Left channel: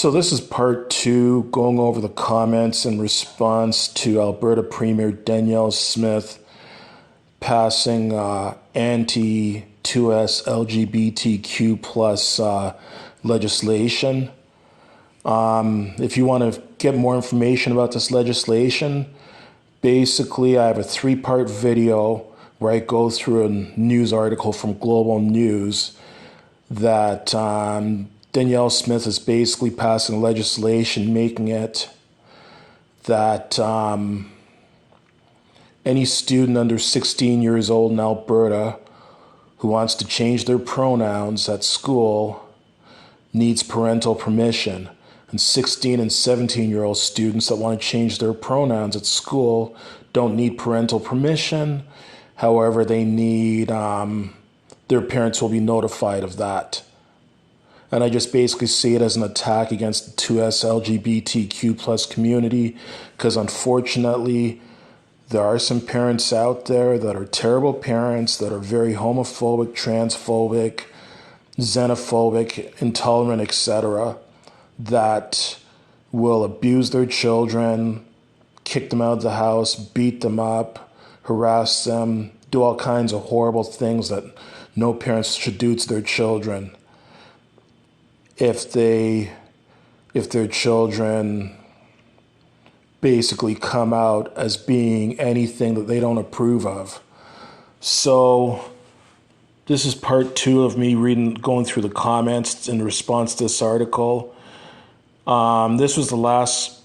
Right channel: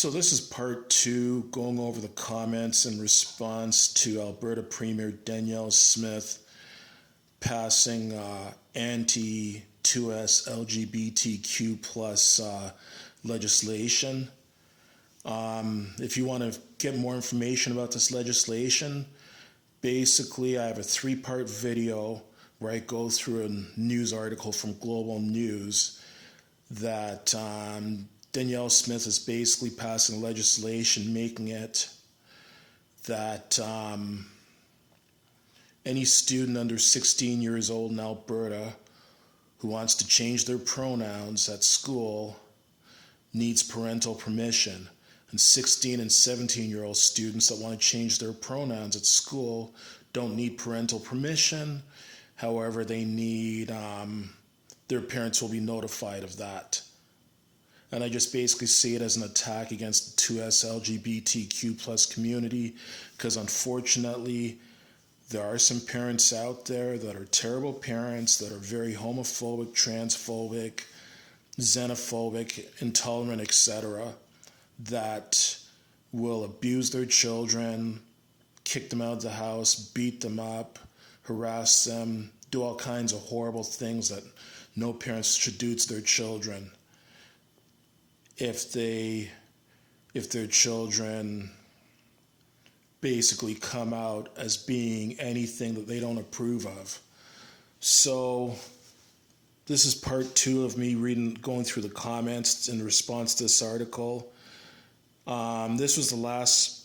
So this is part two, going over the comments in response to Alberta Premier Danielle Smith passing anti-2S LGBTQ plus legislation. If you want to get more information about this legislation, basically I have a three-part video where I go through a news article from Global News that Danielle Smith is basically passing legislation making it that any student under 16 years old in Alberta who wants to change their pronouns at school needs parental permission. And 16 and 17-year-old students that want to change their pronouns at school don't need parental permission. However, they need, their parents will be notified of that. And I just basically see it as an attack against the 2S LGBTQ plus community, because unfortunately, there are some parents out there that are terrible parents, that are very homophobic, transphobic, xenophobic, intolerant, etc., that will abuse their children, kick them out of the house, beat them up, harass them, do all kinds of horrible things that no parents should do to their children. If their children basically come out as being anything that they don't approve of. So this is part two of me going through the comments in response to this article. This was the last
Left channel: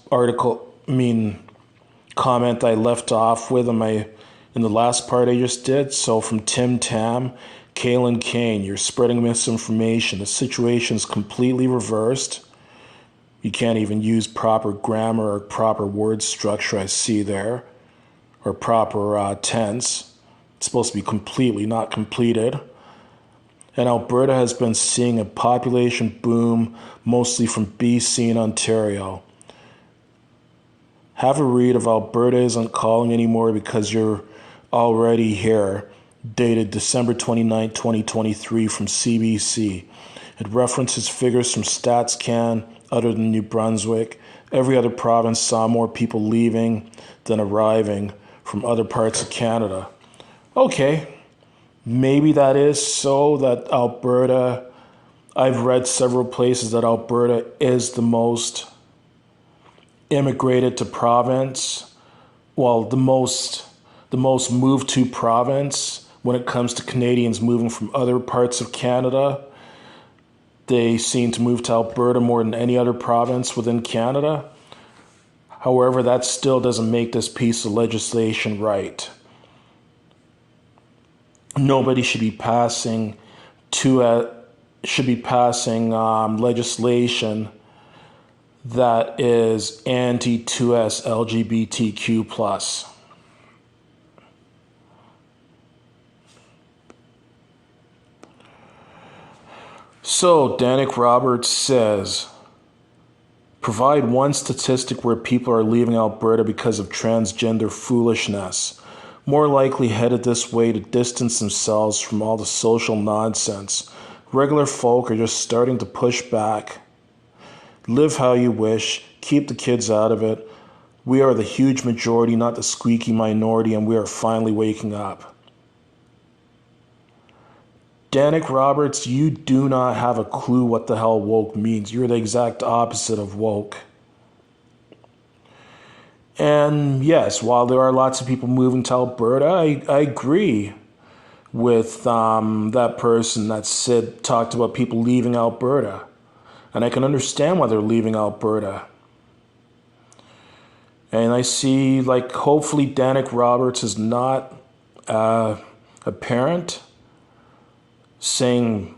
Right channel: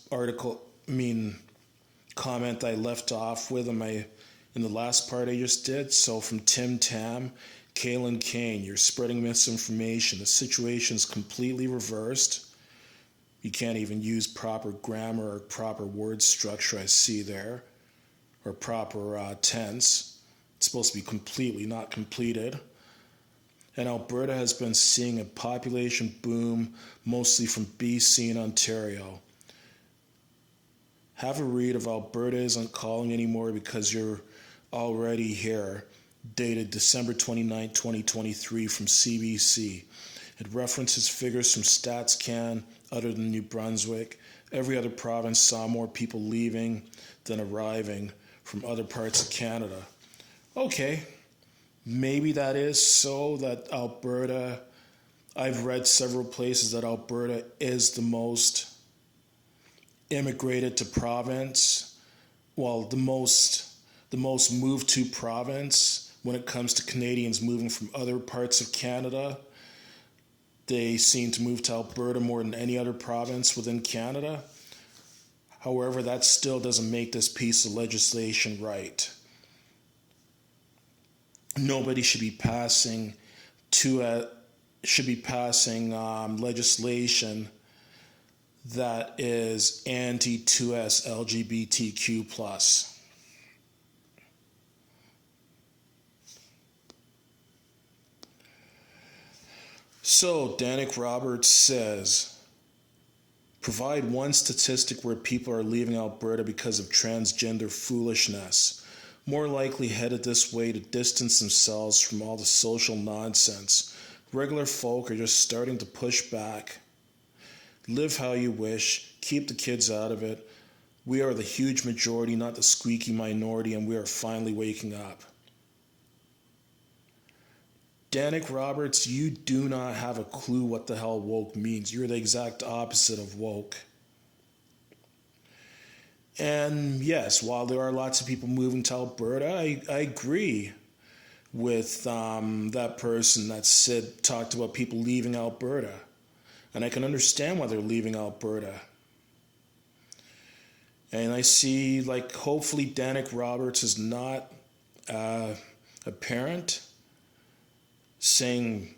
comment I left off with in the last part I just did. So from Tim Tam, Kaylin Kane, you're spreading misinformation. The situation is completely reversed. You can't even use proper grammar or proper word structure I see there, or proper tense. It's supposed to be completely not completed. And Alberta has been seeing a population boom, mostly from BC and Ontario. Have a read of Alberta Isn't Calling Anymore Because You're Already Here, dated December 29, 2023 from CBC. It references figures from StatsCan. Other than New Brunswick, every other province saw more people leaving than arriving from other parts of Canada. Okay, maybe that is so that Alberta, I've read several places that Alberta is the most immigrated to province, well, the most moved to province when it comes to Canadians moving from other parts of Canada. They seem to move to Alberta more than any other province within Canada. However, that still doesn't make this piece of legislation right. Nobody should be passing legislation that is anti-2S LGBTQ plus. So, Danik Roberts says, provide one statistic where people are leaving Alberta because of transgender foolishness, more likely headed this way to distance themselves from all the social nonsense. Regular folk are just starting to push back. Live how you wish, keep the kids out of it. We are the huge majority, not the squeaky minority, and we are finally waking up. Danik Roberts, you do not have a clue what the hell woke means. You're the exact opposite of woke. And yes, while there are lots of people moving to Alberta, I agree with that person that talked about people leaving Alberta. And I can understand why they're leaving Alberta. And I see, hopefully Danik Roberts is not a parent saying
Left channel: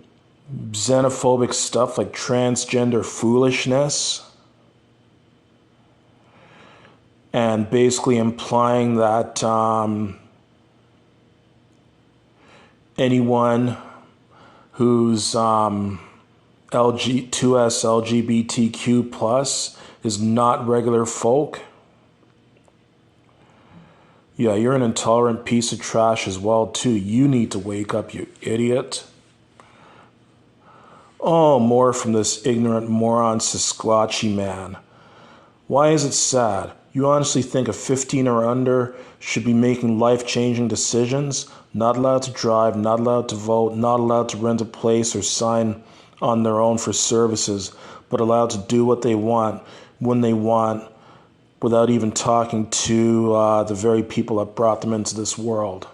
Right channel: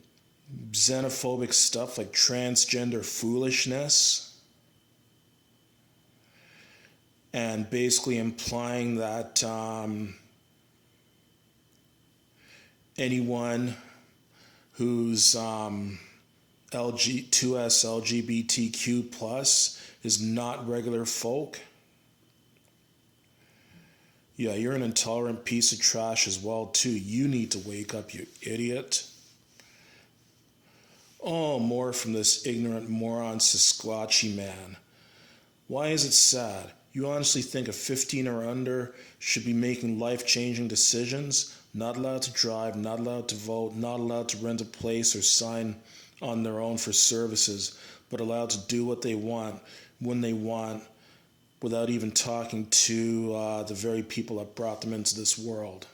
xenophobic stuff like transgender foolishness, and basically implying that anyone who's 2S LGBTQ plus is not regular folk. Yeah, you're an intolerant piece of trash as well, too. You need to wake up, you idiot. Oh, more from this ignorant moron Sasquatchy man. Why is it sad? You honestly think a 15 or under should be making life-changing decisions? Not allowed to drive, not allowed to vote, not allowed to rent a place or sign on their own for services, but allowed to do what they want, when they want, without even talking to the very people that brought them into this world.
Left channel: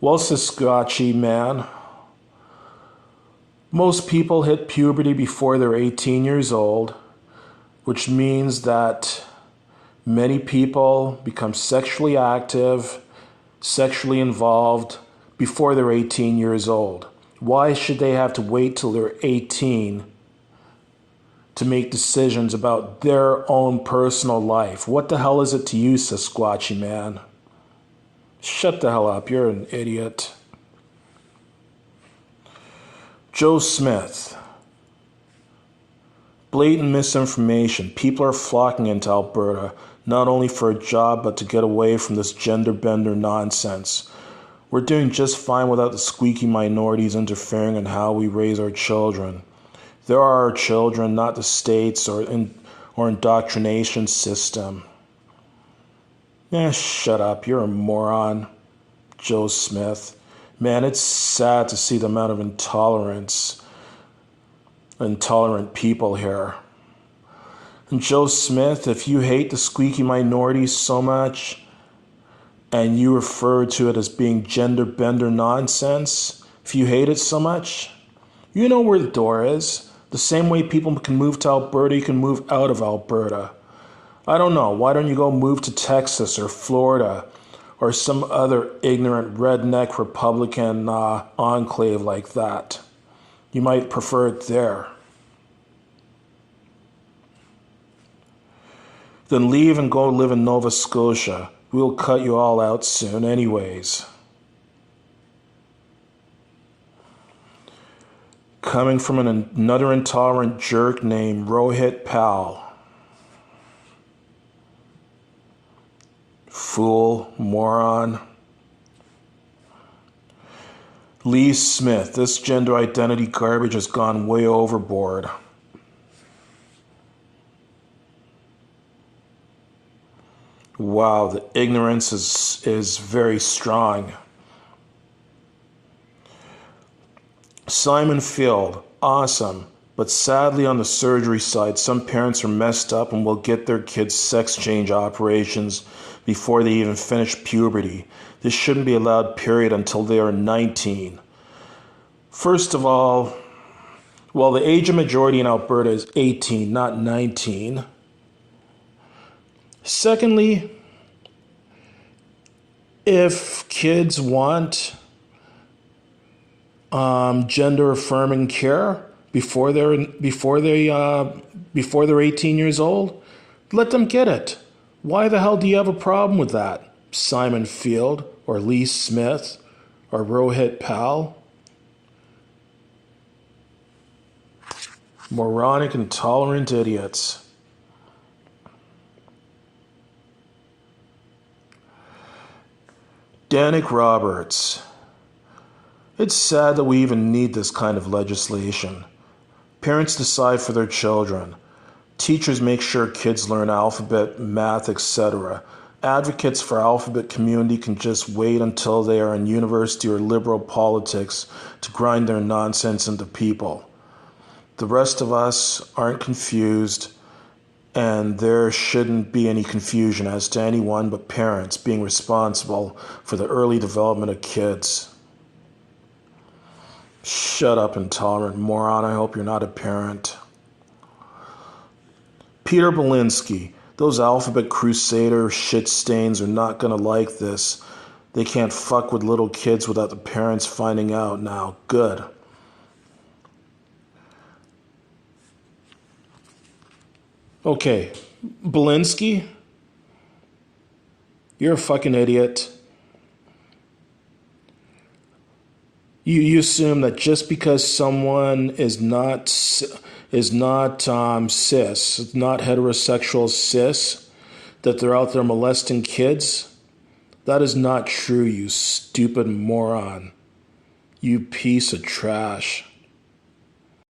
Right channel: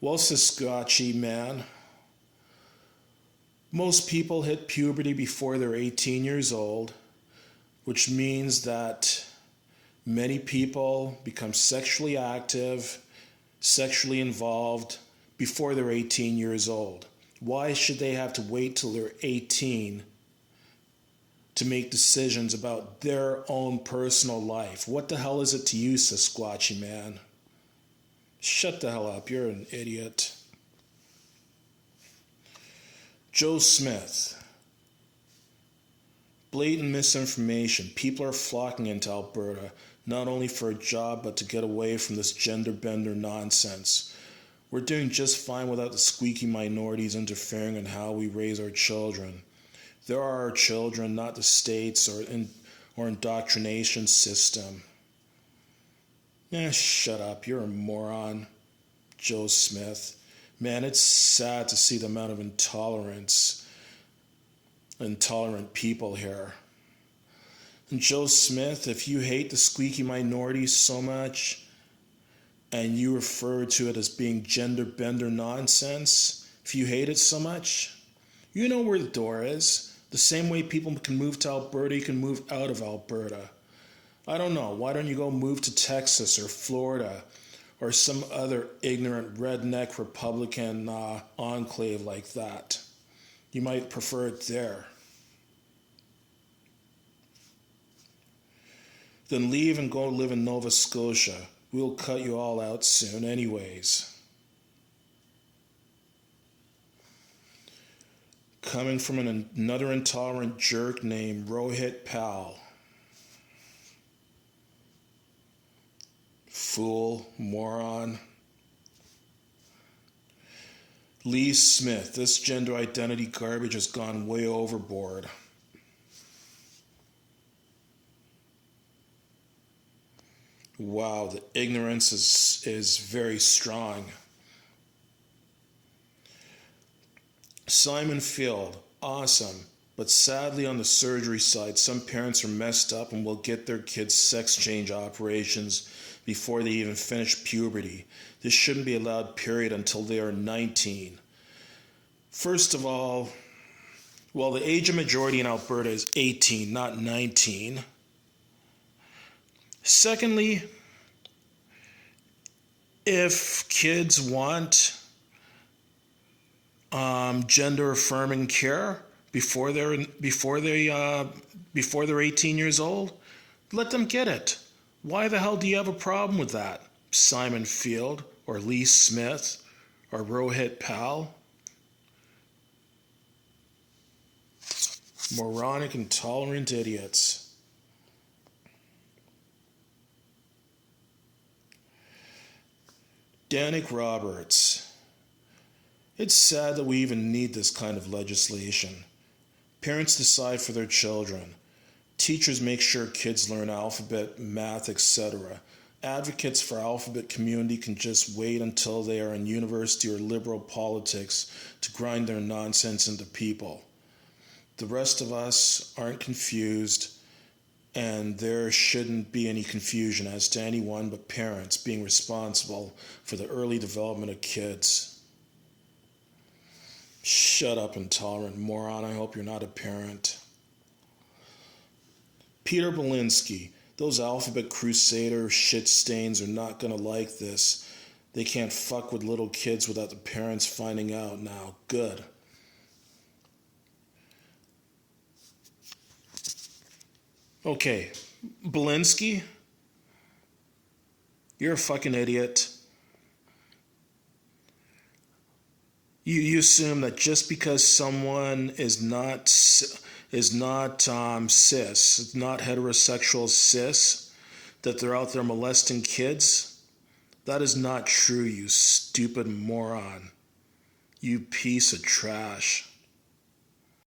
Well, Sasquatchy man, most people hit puberty before they're 18 years old, which means that many people become sexually active, sexually involved before they're 18 years old. Why should they have to wait till they're 18 to make decisions about their own personal life? What the hell is it to you, Sasquatchy man? Shut the hell up, you're an idiot. Joe Smith. Blatant misinformation. People are flocking into Alberta, not only for a job, but to get away from this gender bender nonsense. We're doing just fine without the squeaky minorities interfering in how we raise our children. There are our children, not the states or indoctrination system. Shut up. You're a moron, Joe Smith. Man, it's sad to see the amount of intolerant people here. And Joe Smith, if you hate the squeaky minorities so much, and you refer to it as being gender bender nonsense, if you hate it so much, you know where the door is. The same way people can move to Alberta, you can move out of Alberta. I don't know, why don't you go move to Texas or Florida or some other ignorant redneck Republican enclave like that? You might prefer it there. Then leave and go live in Nova Scotia. We'll cut you all out soon anyways. Coming from another intolerant jerk named Rohit Pal. Fool, moron. Lee Smith, this gender identity garbage has gone way overboard. Wow, the ignorance is very strong. Simon Field, awesome. But sadly on the surgery side, some parents are messed up and will get their kids sex change operations before they even finish puberty. This shouldn't be allowed, period, until they are 19. First of all, well, the age of majority in Alberta is 18, not 19. Secondly, if kids want gender affirming care before they're 18 years old, let them get it. Why the hell do you have a problem with that, Simon Field or Lee Smith or Rohit Pal? Moronic, intolerant idiots. Danik Roberts. It's sad that we even need this kind of legislation. Parents decide for their children. Teachers make sure kids learn alphabet, math, etc. Advocates for alphabet community can just wait until they are in university or liberal politics to grind their nonsense into people. The rest of us aren't confused, and there shouldn't be any confusion as to anyone but parents being responsible for the early development of kids. Shut up, intolerant moron. I hope you're not a parent. Peter Belinsky. Those alphabet crusader shit stains are not going to like this. They can't fuck with little kids without the parents finding out now. Good. Okay, Belinsky, you're a fucking idiot. You assume that just because someone is not cis, not heterosexual cis, that they're out there molesting kids. That is not true, you stupid moron. You piece of trash.